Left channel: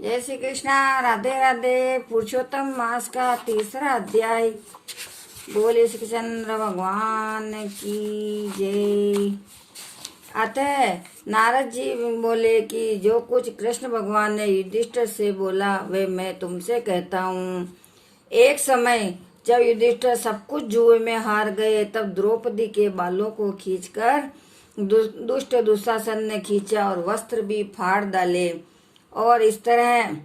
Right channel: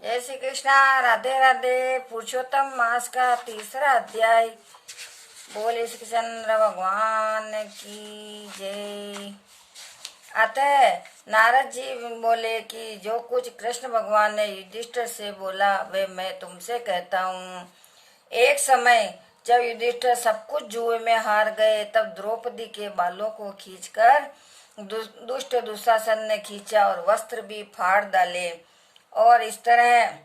जय श्री कृष्णा। राधे राधे। पुरुषोत्तम मास का तीसरा अध्याय। बोले श्री चंद्र भगवान की जय। अतः नारद जी बोले कि जो कुछ कृष्ण भगवान ने युधिष्ठिर से बोला वे मैं तुमसे कहता हूँ। एक समय जब युधिष्ठिर सब कुछ जुए में हार गए तब द्रौपदी के बालों को खींचकर दुष्ट दुशासन ने खींचा और वस्त्र भी फाड़ डाले और इस तरह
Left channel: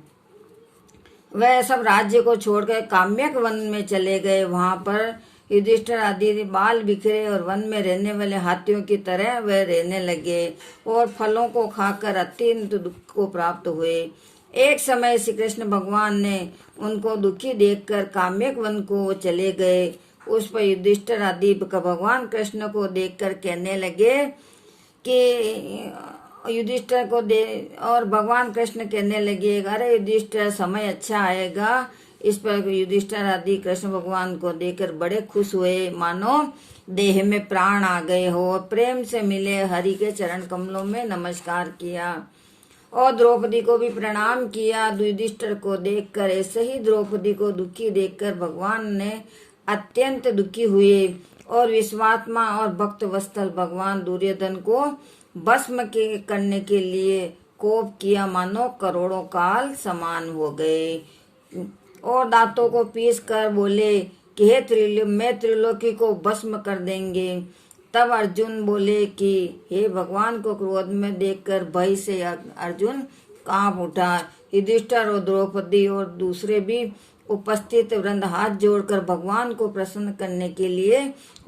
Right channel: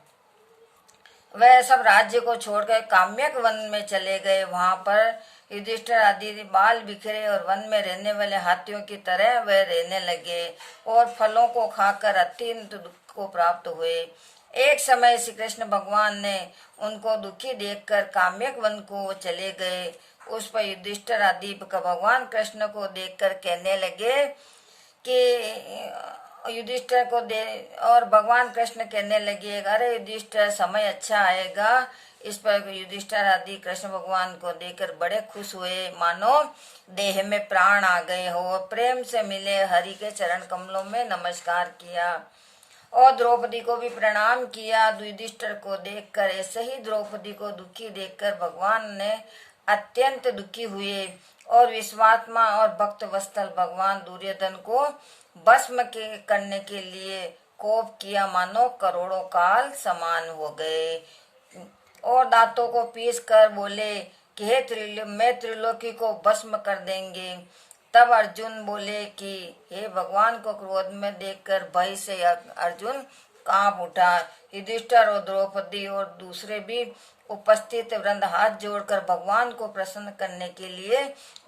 वह सब राज्य को छोड़कर काम्यक वन में चले गए। वहां पर युधिष्ठिर आदि बाल बिखरे और वन में रहने वाले हाथियों की तरह वह रहने लगे और फलों को खाकर अत्यंत दुख को प्राप्त हुए। एक समय श्री कृष्ण भगवान ने उनको दुखी देखकर काम्यक वन को चले गए। उस पर युधिष्ठिर आदि भगवान कृष्ण को देखकर कहने लगे कि युधिष्ठिर को दे और भगवान कृष्ण कहने लगे अरे युधिष्ठिर समय अच्छा आएगा। इस पर युधिष्ठिर आदि कृष्ण भगवान को देखकर बड़े खुश हुए मानो देह में प्राण आ गए हो और प्रेम से मिले हरि के चरण कमलों में नमस्कार किया और द्रौपदी को भी प्रणाम किया। युधिष्ठिर को देखकर ऐसे ही द्रौपदी को दुखी देखकर भगवान ने अत्यंत दुखी हुए और विश्वात्मा और भक्त वत्सल भगवान दुर्योधन को भस्म के करने के लिए कोप किया मानो करोड़ों काल समान हो गए और दांतों को पीस कर बोले कि हे मैं त्रिलोकी को भस्म कर देंगे। तब अर्जुन बोले कि हे भगवान को क्रोध में देखकर भय से अर्जुन कांप उठा। युधिष्ठिर और द्रौपदी और दूसरे भी उपस्थित वृंद हाथ जोड़कर भगवान को प्रसन्न करने के लिए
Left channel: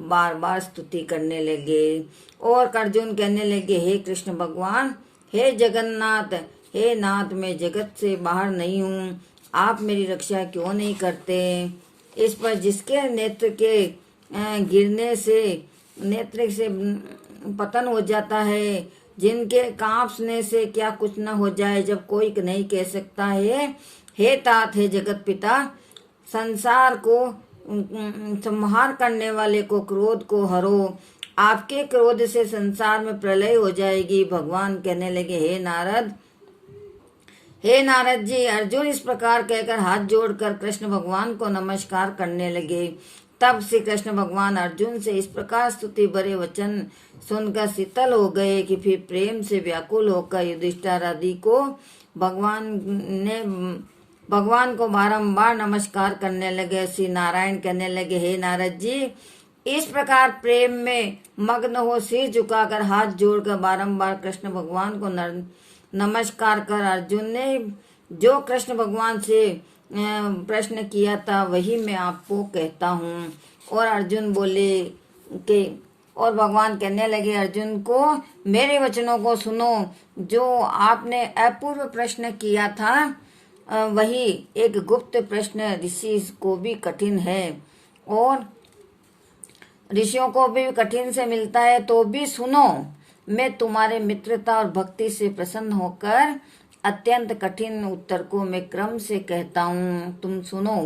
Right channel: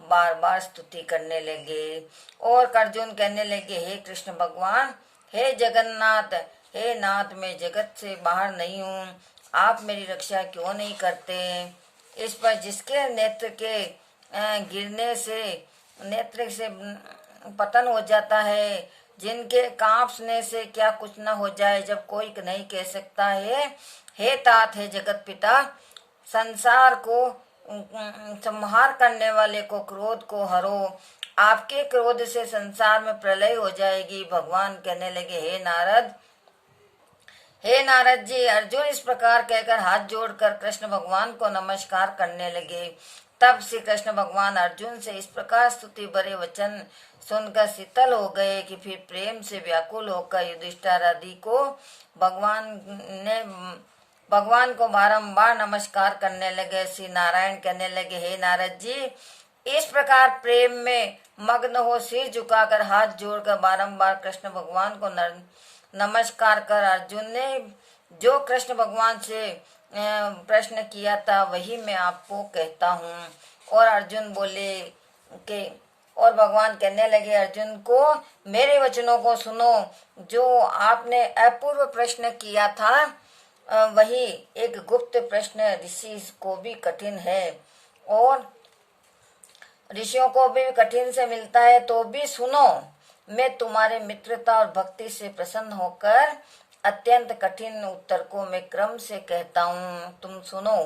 बार बार स्तुति करने लगे और अर्जुन कहने लगे हे कृष्ण भगवान, हे जगन्नाथ, हे नाथ, मैं जगत से बाहर नहीं हूँ, आप मेरी रक्षा क्यों नहीं करते। इस पर जिसके नेत्र के गिरने से नेत्र से पतन हो जाता है, जिनके कांपने से क्या कुछ न हो जाए, जब कोई नहीं कह सकता है हे तात, हे जगत पिता, संसार को संहार करने वाले को क्रोध को हरो, आपके क्रोध से संसार में प्रलय हो जाएगी। भगवान कहने लगे हे नारद जी। अर्जुन इस प्रकार कहकर हाथ जोड़कर कृष्ण भगवान को नमस्कार करने लगे। तब श्री कृष्ण भगवान अर्जुन से इस प्रकार स्तुति भरे वचन सुनकर शीतल हो गए कि फिर प्रेम से व्याकुल होकर युधिष्ठिर आदि को भगवान को बारंबार नमस्कार करने लगे। श्री नारायण कहने लगे हे नारद जी, इस प्रकार प्रेम में मग्न हो सिर झुकाकर हाथ जोड़कर बारंबार कृष्ण भगवान को नमस्कार कर अर्जुन ने जो कृष्ण भगवान से प्रश्न किया था वही मैं आपको कहता हूँ। और अर्जुन बोले कि और भगवान कहने लगे अर्जुन को मेरे वचनों को सुनो। जो आपने अपूर्व प्रश्न किया था वही एक गुप्त प्रश्न ऋषि को भी कठिन है और ऋषियों को भी कठिन से मिलता है, तो भी सुनो। मैं तुम्हारे मित्रता और भक्ति से प्रसन्न होकर अत्यंत कठिन उत्तर को मैं क्रम से कहता हूँ, तुम सुनो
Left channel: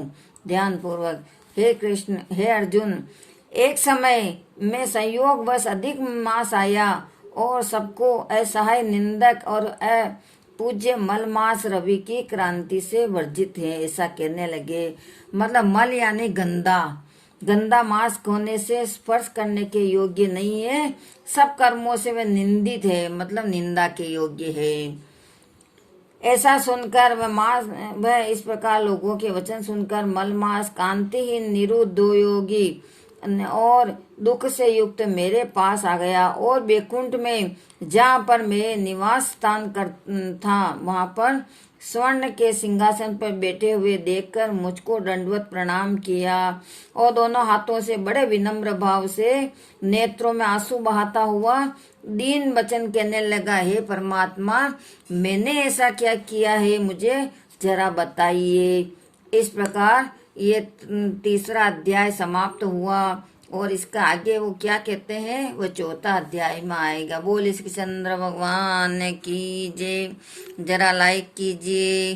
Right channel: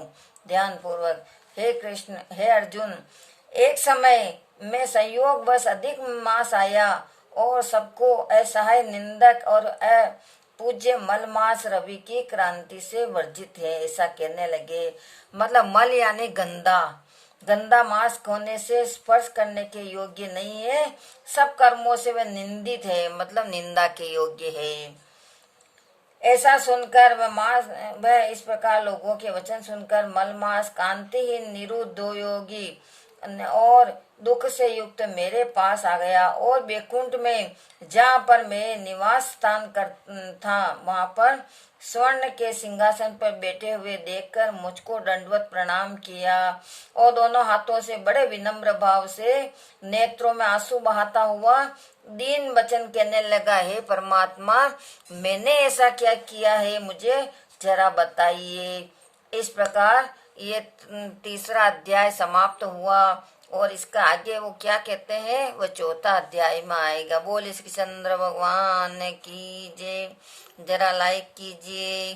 ध्यान पूर्वक। हे कृष्ण, हे अर्जुन, एक समय में संयोग बस अधिक मास आया और सबको असहाय निंदक और अपूज्य मलमास रवि की क्रांति से वर्जित है ऐसा कहने लगे। मतलब मल यानी गंदा मांस होने से स्पर्श करने के योग्य नहीं है, सब कर्मों से वह निंदित है, मतलब निंदा के योग्य है। ऐसा सुनकर वह इस प्रकार लोगों के वचन सुनकर मलमास कांतिहीन निरुद्ध योगी और दुख से युक्त मेरे पास आ गया और बैकुंठ में जहाँ पर मेरे निवास स्थान था वहां पर स्वर्ण के सिंहासन पर बैठे हुए देखकर मुझको दंडवत प्रणाम किया और दोनों हाथों से बड़े विनम्र भाव से नेत्रों में आंसू बहाता हुआ दीन वचन कहने लगा हे परमात्मा, मैंने ऐसा क्या किया है मुझे जरा बताइए। इस प्रकार ये तीसरा अध्याय समाप्त हुआ और इसका आगे वो क्या कहते हैं वो चौथा अध्याय में आएगा। बोल श्री चंद्र भगवान की जय। जरा लाइक कीजिए।